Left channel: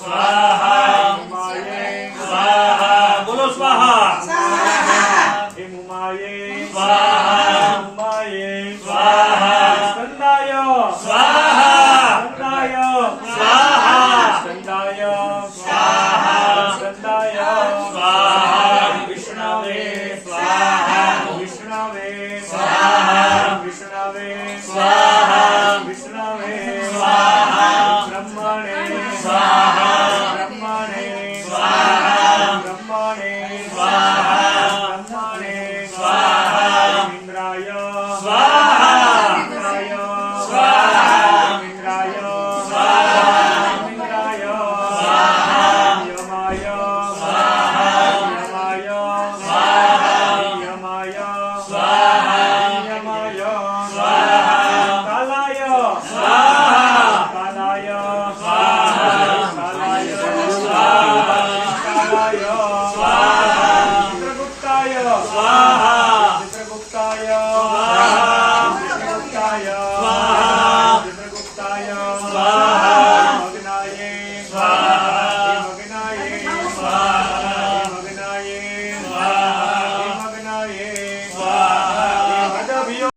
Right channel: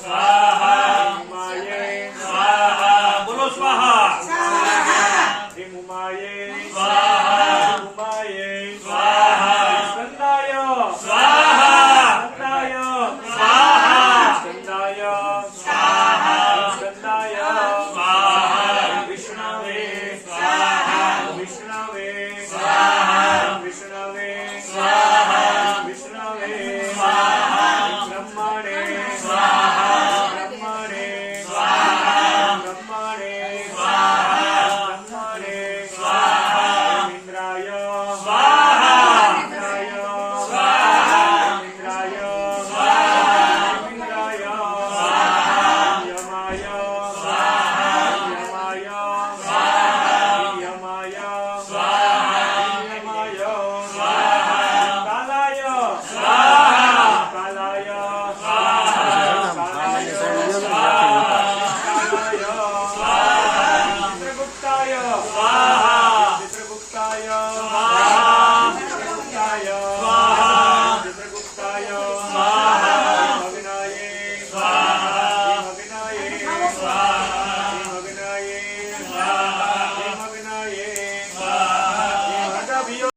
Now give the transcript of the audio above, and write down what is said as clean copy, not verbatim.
स्वाहा उमाये स्वाहा बोलो स्वाहा हे उमाये स्वाहा उमाये स्वाहा स्कंदाय स्वाहा स्कंदाय स्वाहा स्कंदाय स्वाहा स्कंदाय स्वाहा विष्णवे स्वाहा विष्णवे स्वाहा विष्णवे स्वाहा विष्णवे स्वाहा ब्रह्मणे स्वाहा ब्रह्मणे स्वाहा ब्रह्मणे स्वाहा ब्रह्मणे स्वाहा इंद्राय स्वाहा इंद्राय स्वाहा इंद्राय स्वाहा इंद्राय स्वाहा यमाय स्वाहा यमाय स्वाहा यमाय स्वाहा यमाय स्वाहा कालाय स्वाहा कालाय स्वाहा कालाय स्वाहा कालाय स्वाहा चित्रगुप्ताय स्वाहा